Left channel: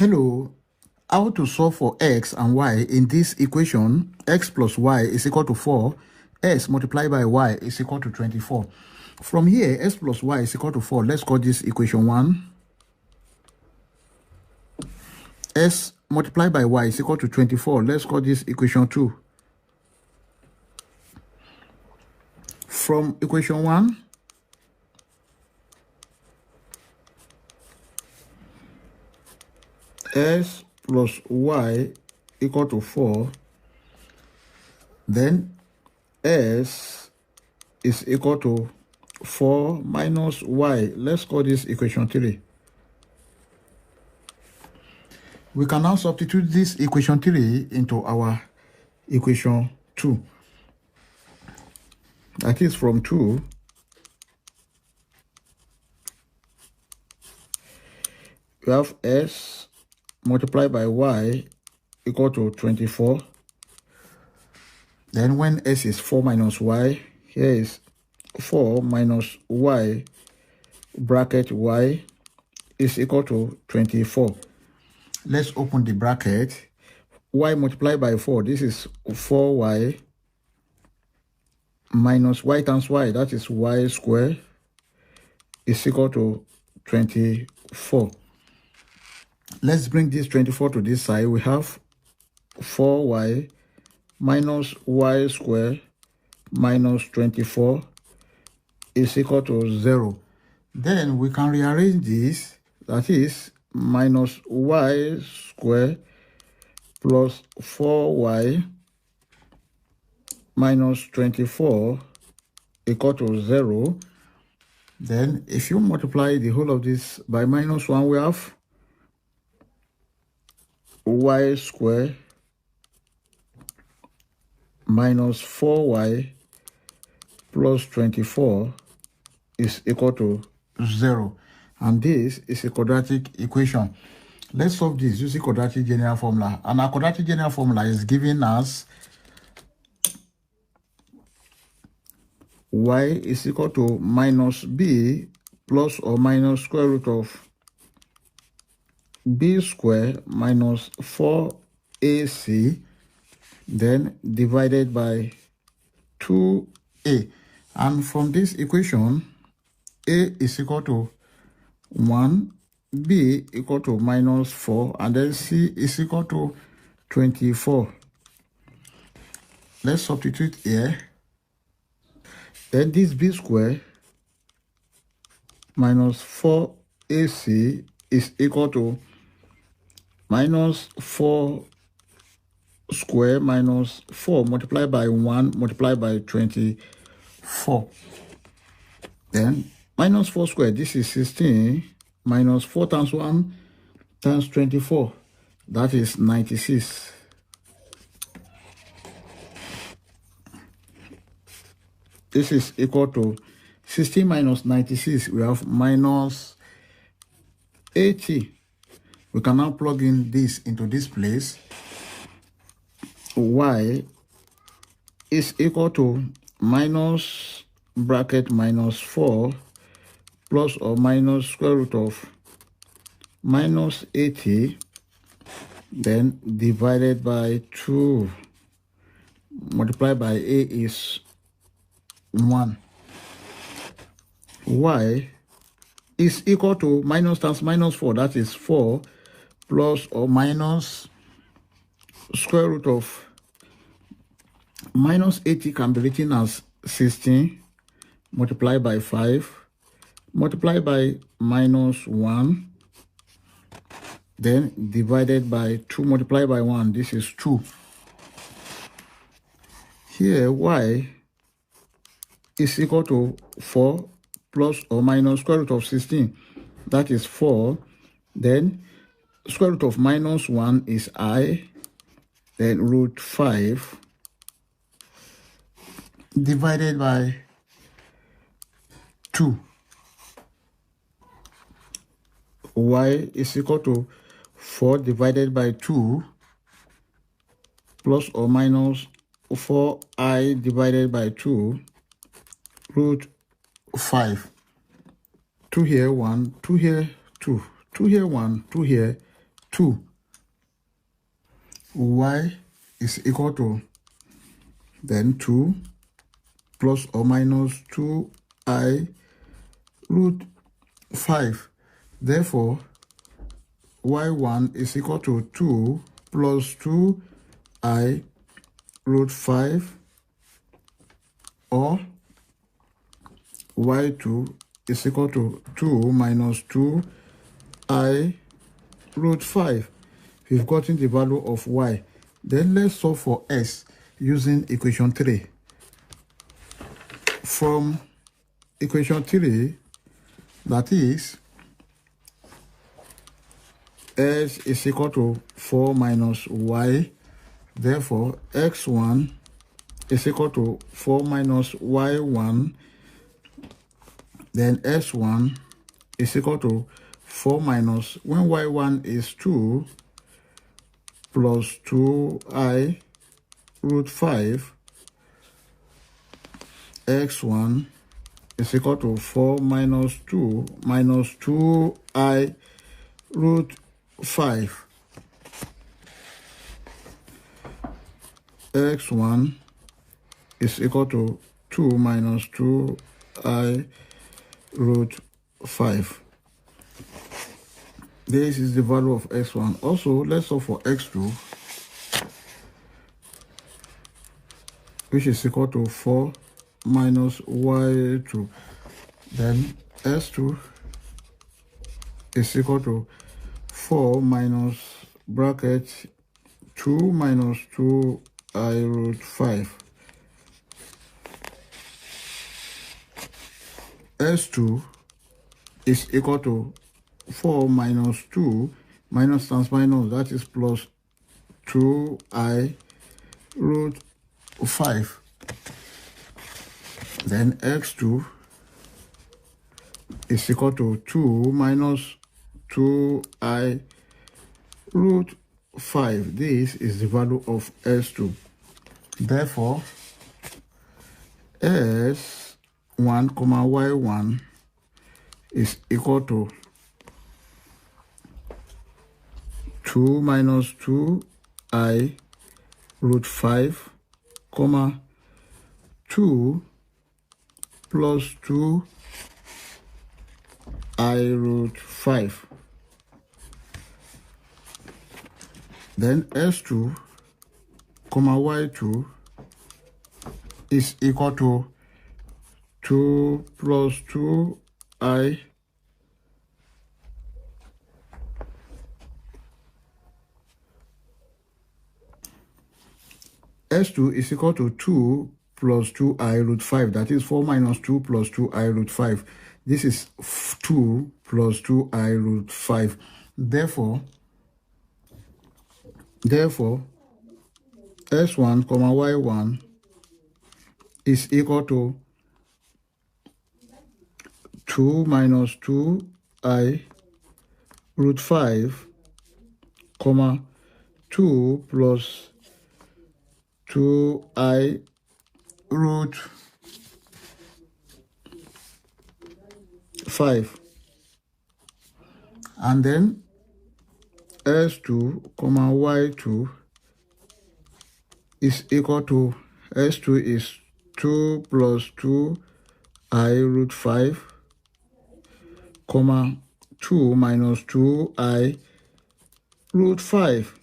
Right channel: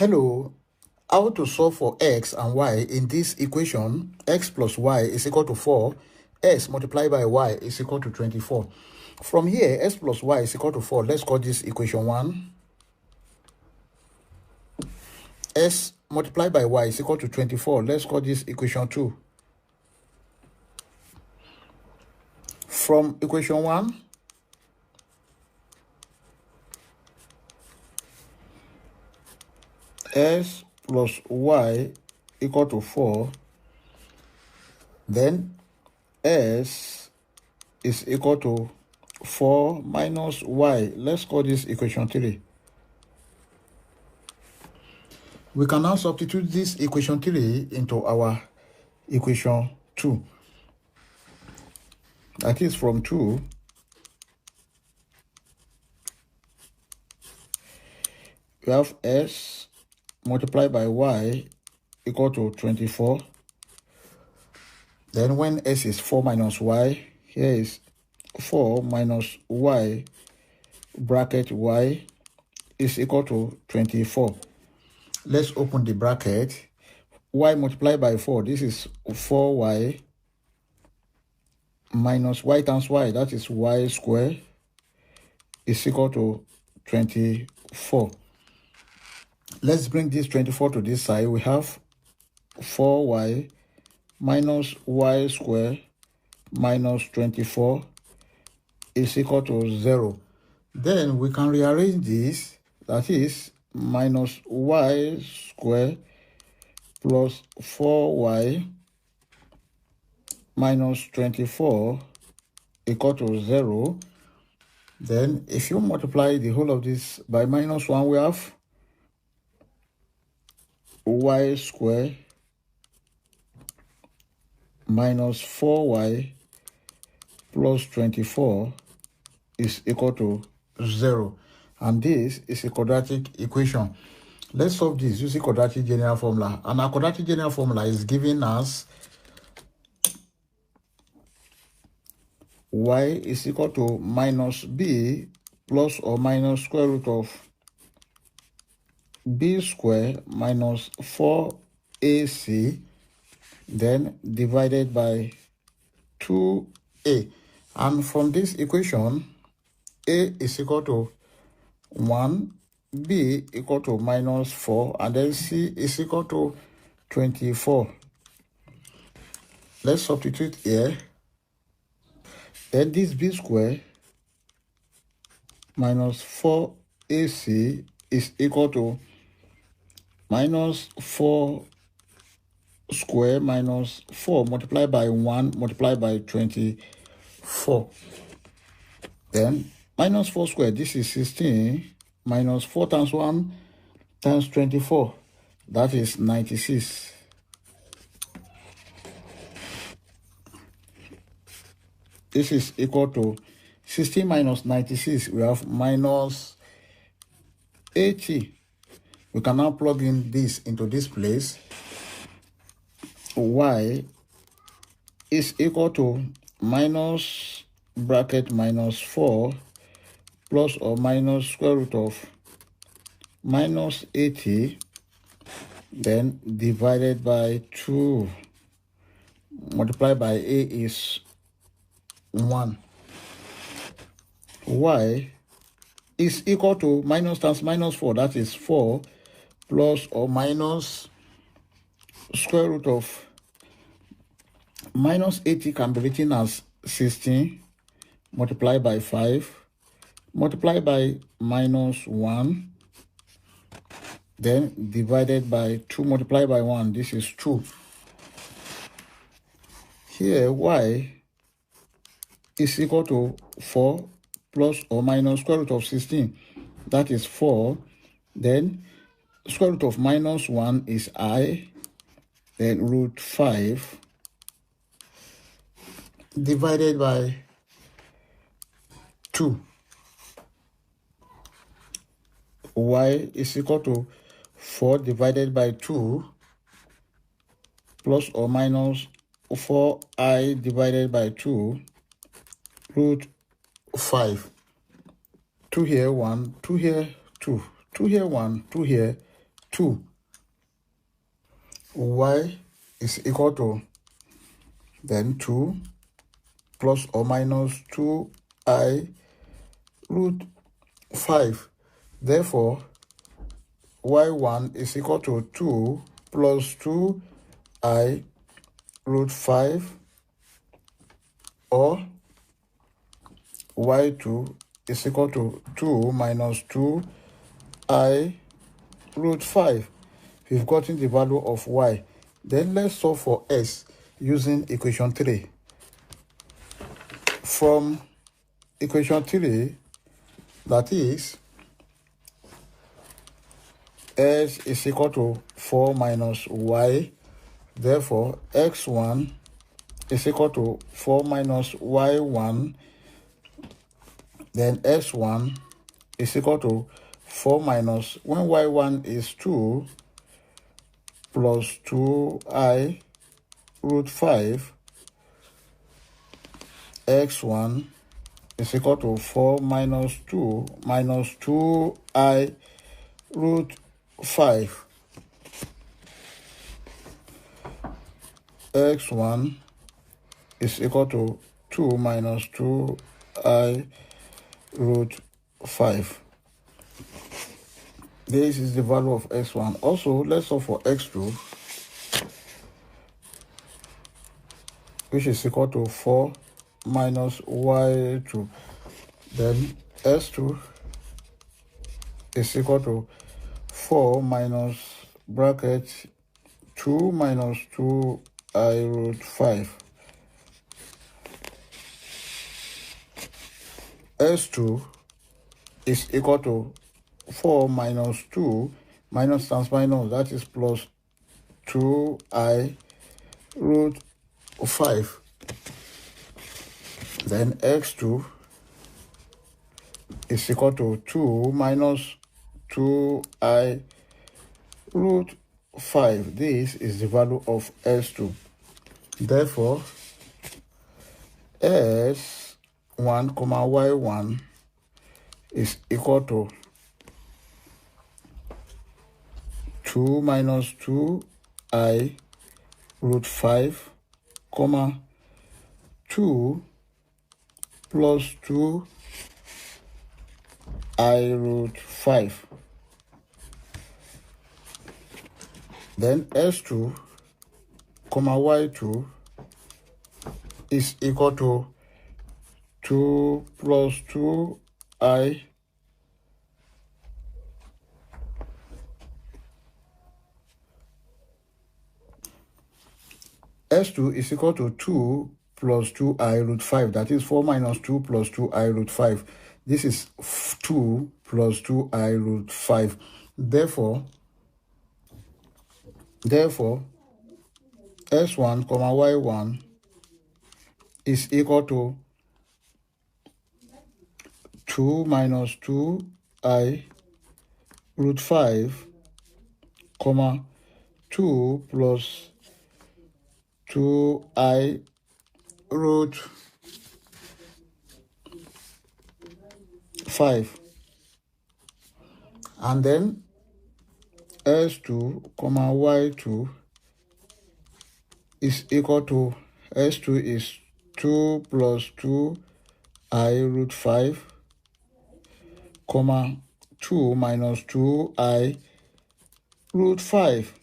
Hello, how to solve for x and y in this equation? X plus y is equal to 4. S multiplied by y is equal to 24. From here, x plus y is equal to 4. Let's call this equation 1. S multiplied by y is equal to 24. Let's call this equation 2. From equation 1, s plus y equal to 4, then s is equal to 4 minus y. Let's call this equation 3. We can now substitute this equation 3 into our equation 2. That is, from 2, we have s multiplied by y equal to 24. Then when s is 4 minus y, here is 4 minus y bracket y is equal to 24. Let's open the bracket. Y multiplied by 4, this is 4y minus y times y, that is y squared, is equal to 24. Let's bring this 24 to this side. We have 4y minus y squared minus 24 is equal to 0. Then we can rearrange this. That is minus y squared plus 4y minus 24 equal to 0. Then if you multiply the whole of this by minus 1, we have y squared minus 4y plus 24 is equal to 0. And this is a quadratic equation. Let's solve this using quadratic general formula. And our quadratic general formula is giving us y is equal to minus b plus or minus square root of b squared minus 4ac, then divided by 2a. And from this equation, a is equal to 1, b equal to minus 4, and then c is equal to 24. Let's substitute here. Then this b squared minus 4ac is equal to minus 4 square minus 4 multiplied by 1 multiplied by 24. Then minus 4 square, this is 16, minus 4 times 1 times 24, that is 96. This is equal to 16 minus 96, we have minus 80. We can now plug in this into this place. Y is equal to minus bracket minus 4 plus or minus square root of minus 80, then divided by 2, multiplied by a is 1. Y is equal to minus times minus 4, that is 4, plus or minus square root of minus 80 can be written as 16 multiplied by 5 multiplied by minus 1, then divided by 2 multiplied by 1, this is 2. Here y is equal to 4 plus or minus square root of 16, that is 4, then square root of minus 1 is I, then root 5, divided by 2. Y is equal to 4 divided by 2 plus or minus 4i divided by 2 root 5. 2 here, 1, 2 here, 2, 2 here, 1, 2 here, 2. Y is equal to then 2 plus or minus 2I root 5. Therefore, y1 is equal to 2 plus 2I root 5, or y2 is equal to 2 minus 2I root 5. We've gotten the value of y. Then let's solve for s using equation 3. From equation 3, that is, s is equal to 4 minus y. Therefore, x1 is equal to 4 minus y1. Then s1 is equal to 4 minus, when y1 is 2, plus 2I root 5. x1 is equal to 4 minus 2 minus 2I root 5. x1 is equal to 2 minus 2I root 5. This is the value of x1. Also, let's solve for x2, which is equal to 4 minus y2. Then s2 is equal to 4 minus bracket 2 minus 2I root 5. s2 is equal to 4 minus 2, minus times minus, that is plus 2I root 5. Then x2 is equal to 2 minus 2I root 5. This is the value of s2. Therefore, s1, y1 is equal to 2 minus 2I root 5, 2 plus 2I root 5. Then s2, y2 is equal to 2 plus 2I s2 is equal to 2 plus 2I root 5. That is 4 minus 2 plus 2I root 5. This is 2 plus 2I root 5. Therefore, s1, y1 is equal to 2 minus 2I root 5, 2 plus 2I root 5. And then s2, y2 is equal to, s2 is 2 plus 2I root 5, 2 minus 2I root 5.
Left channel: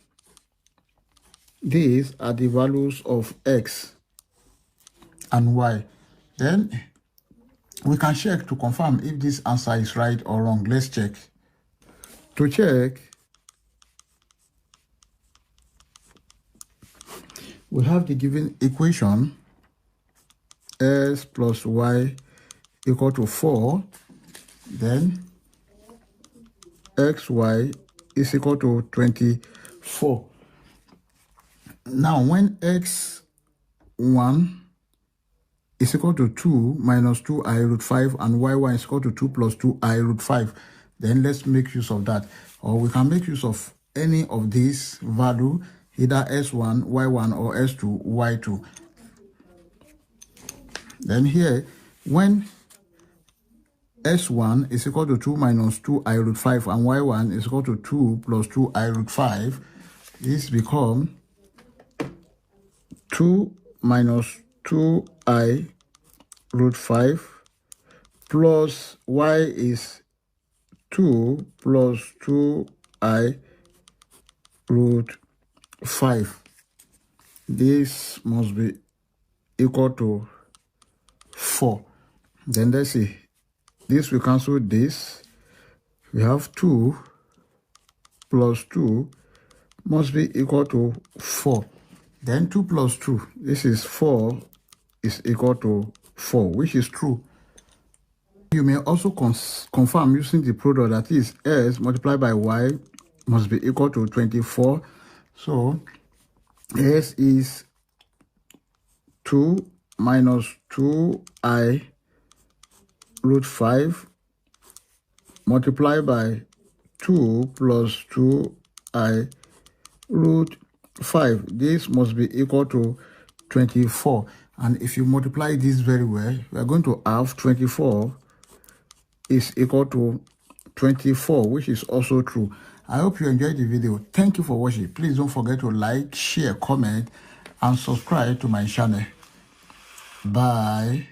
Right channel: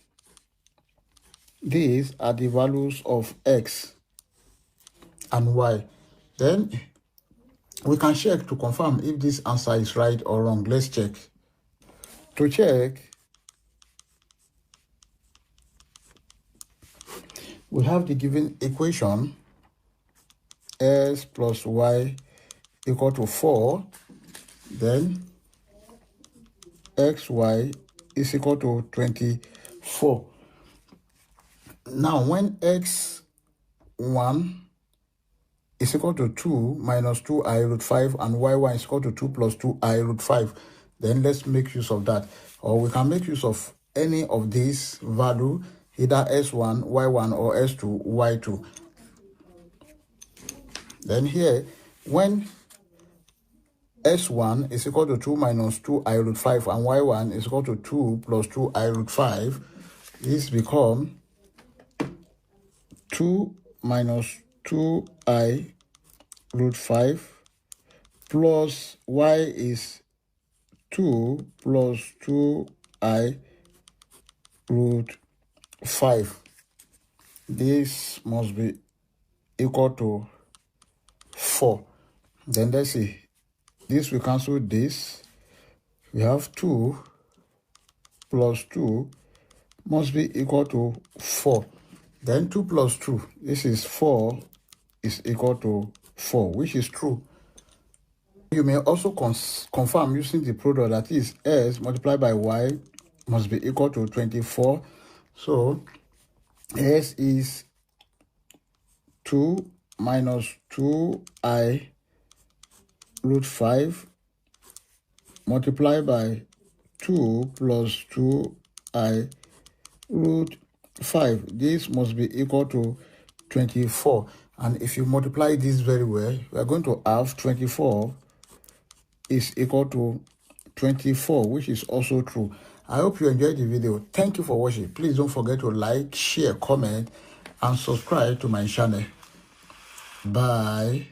These are the values of x and y. Then we can check to confirm if this answer is right or wrong. Let's check. To check, we have the given equation s plus y equal to 4. Then xy is equal to 24. Now, when x1 is equal to 2 minus 2I root 5 and y1 is equal to 2 plus 2I root 5, then let's make use of that. Or we can make use of any of these value, either s1, y1, or s2, y2. Then here, when S1 is equal to 2 minus 2i root 5, and Y1 is equal to 2 plus 2i root 5. This becomes 2 minus 2i root 5 plus y is 2 plus 2i root 5. This must be equal to 4. Then let's see. This will cancel this. We have 2 plus 2 must be equal to 4. Then 2 plus 2, this is 4, is equal to 4, which is true. You may also confirm using the product, that is S multiplied by Y must be equal to 24. So S is 2 minus 2i root 5 multiplied by 2 plus 2i root 5. This must be equal to 24. And if you multiply this very well, you are going to have 24 is equal to 24, which is also true. I hope you enjoyed the video. Thank you for watching. Please don't forget to like, share, comment, and subscribe to my channel. Bye.